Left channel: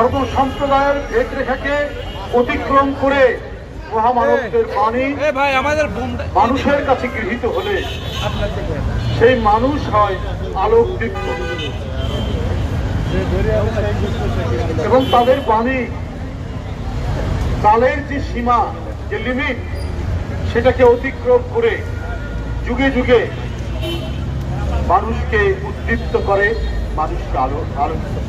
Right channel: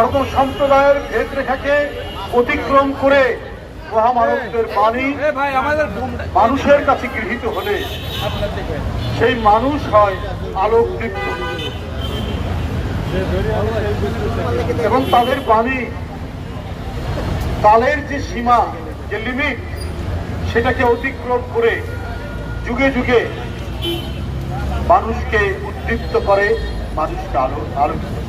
ধর্ম সম্প্রদায়ের ভেদরেখাকে অতিক্রম করে মহামানবদের বাণী মানুষের কাছে গৃহীত হলে সেই মানুষ হয় আলোকদীপ্ত এবং তাদের বাণী কালের যে সীমা, যে লিমিট, সেটাকে অতিক্রম করে যুগে যুগে মানুষকে উদ্দীপ্ত করে, মানুষকে আলোকিত করে।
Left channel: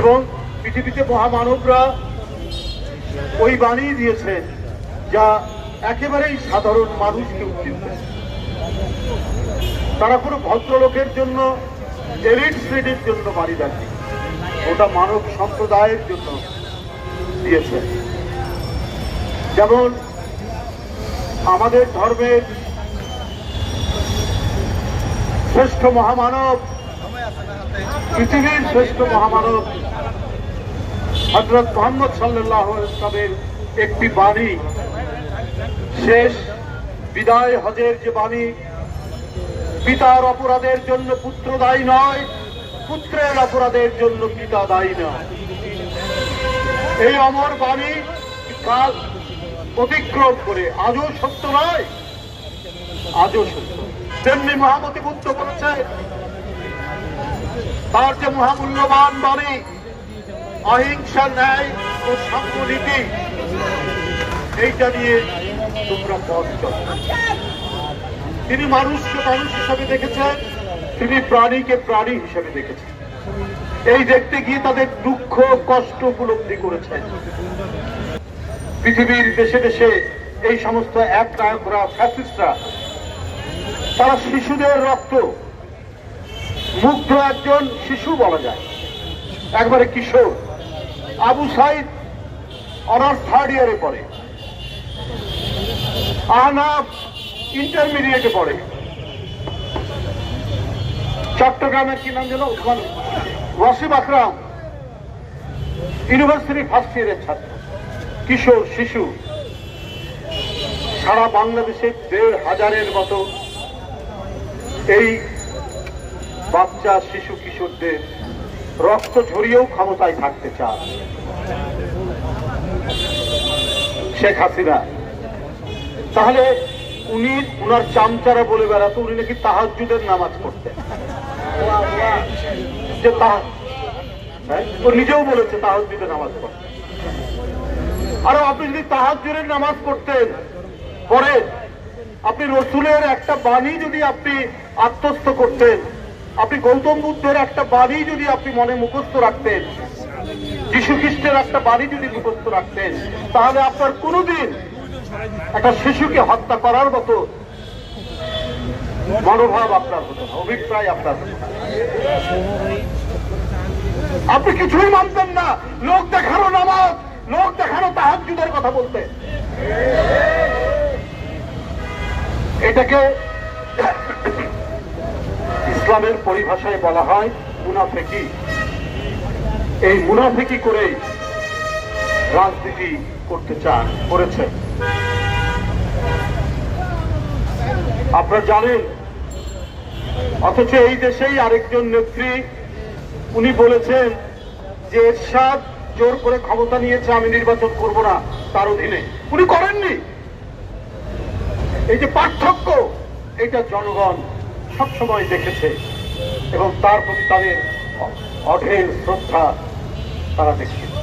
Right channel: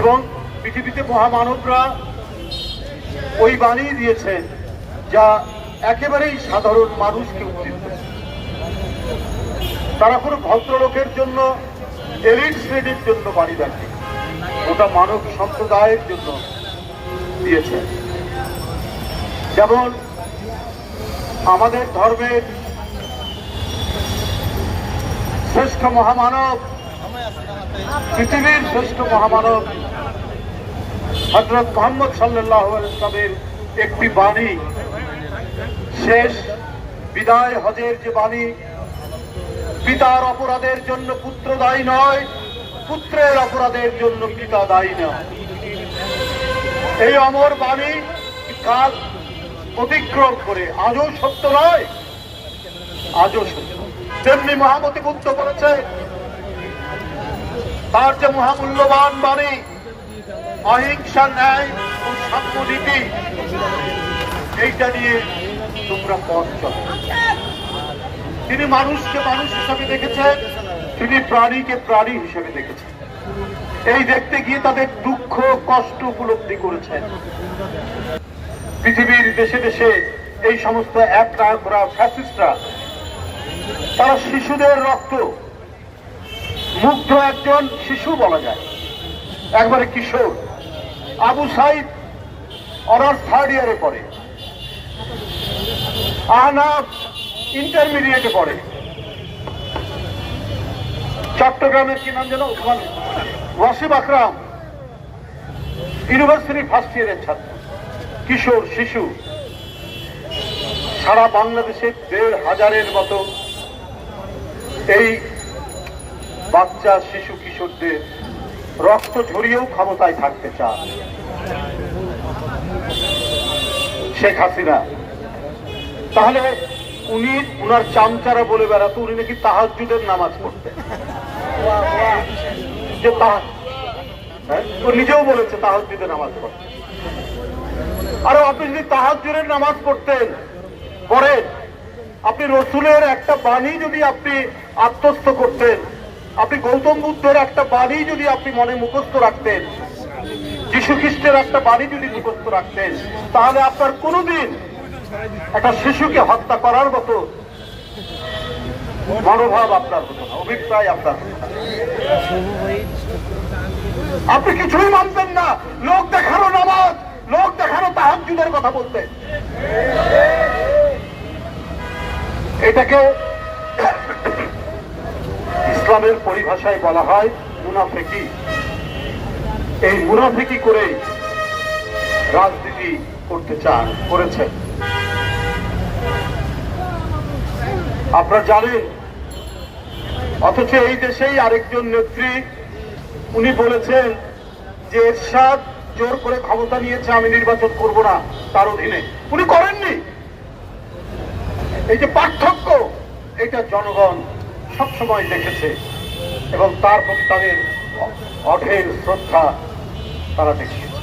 এবং পৃথিবীতে মহামানবরা ওই বাণী দিয়েছে যা একেবারেই সাধারণ মানুষকে উদ্দীপ্ত। তারা পুরো ভদ্রলোকের জন্য, এলিট শ্রেণীর জন্য বাণী দেননি, ওটা মানব সম্প্রদায়ের জন্য দিয়েছে। যেমন আমাদের ধর্মের শ্রেষ্ঠ মহামানব, পৃথিবীর শ্রেষ্ঠ মহামানব হযরত মুহাম্মদ সাল্লাল্লাহু আলাইহি ওয়াসাল্লামের একটি বাণী, শেষ বিদায় হজের যে বাণী, পিতার অপরাধের জন্য পুত্র দায়ী নয়, পুত্রের অপরাধের জন্য পিতা দায়ী নয়। এই অমর বাণী কাল অতিক্রম করে আজও সত্য নয়, আজও সত্য। তেমনি মহামতি বুদ্ধ করেছে তার যে মহামূল্যবান বাণী, অহিংসা, ন্যায় ও সাম্যনীতি, এইটা নিয়ে তোমরা পথ চলো। তিনি মানুষকে মানুষ হিসেবে দেখেছেন, তিনি প্রাণীকে প্রাণী হিসেবে দেখেছেন। এই দেখতে গিয়ে তাদের দুঃখ কষ্ট উপলব্ধি করেছেন। পৃথিবীর দেশে দেশে এই সমস্ত এক নায়করা, ফ্যাসিস্টরা, তারা শিশুদের রক্ত, মুগ্ধ একজন শিশু বলা যায়, একবারে কিশোর, আবু সাইদ অনার্স 3rd ইয়ারে পড়ে, আহনাফ ইন্টারমিডিয়েটে পড়ে, চট্টগ্রামের কি নাম যেন, ওয়াসিম আকরাম ইউনিভার্সিটি 1st ইয়ারের ছাত্র, কিশোর শিশু। সারা বাংলাদেশে 1,500-এর মতো এই বাচ্চা শিশু কিশোরদের রক্ত ঝরিয়েও ক্ষমতায় থাকতে চান শেখ হাসিনা। তাহলে উনি উনার চামচারা বলে বেড়াতো উনি নাকি তাহাজ্জুদের নামাজ পড়তেন, যে ও নিজেও বলেছে তাহাজ্জুদের নামাজ পড়তেন। আর আপনি যদি তাহাজ্জুদের নামাজ পড়তেন, পরে আপনি রসুলের একটা বাণী যদি আপনি আত্মস্থ করতেন, আপনি গৌতম বুদ্ধের একটা বাণী যদি আপনি মনে মুখস্থ রাখতেন, যীশু খ্রিস্টের একটা বাণী যদি মুখস্থ রাখতেন, তাহলে আপনার কোনোদিন একটা শিশুকে হত্যা করার মতো মনোভাব আপনার, অভিপ্রায় আপনার, আপনি কিছুই মানতেন না। লোক দেখানো নামাজ, লোক দেখানো তাহাজ্জুদের কথা বলতেন। এটাকে ইসলামের পরিভাষায় বলা হয় মুনাফিকি। এই মুনাফিকি করে রাজনীতি করতে চান, করেছেন। আপনারা জানেন, অথচ এই দেশেই আরেকজন নেত্রী উনি বলেছেন যে এরশাদ জোর করে ক্ষমতা নিয়েছে, আমি নির্বাচন করব না তার অধীনে। উনি করেননি। এই যে পার্থক্য, এটা জনগণ সবসময় দেখেছে এবং তার প্রতি তাদের অঢেল শ্রদ্ধা তারা দেখিয়েছে।